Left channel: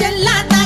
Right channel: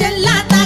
చెల్లాత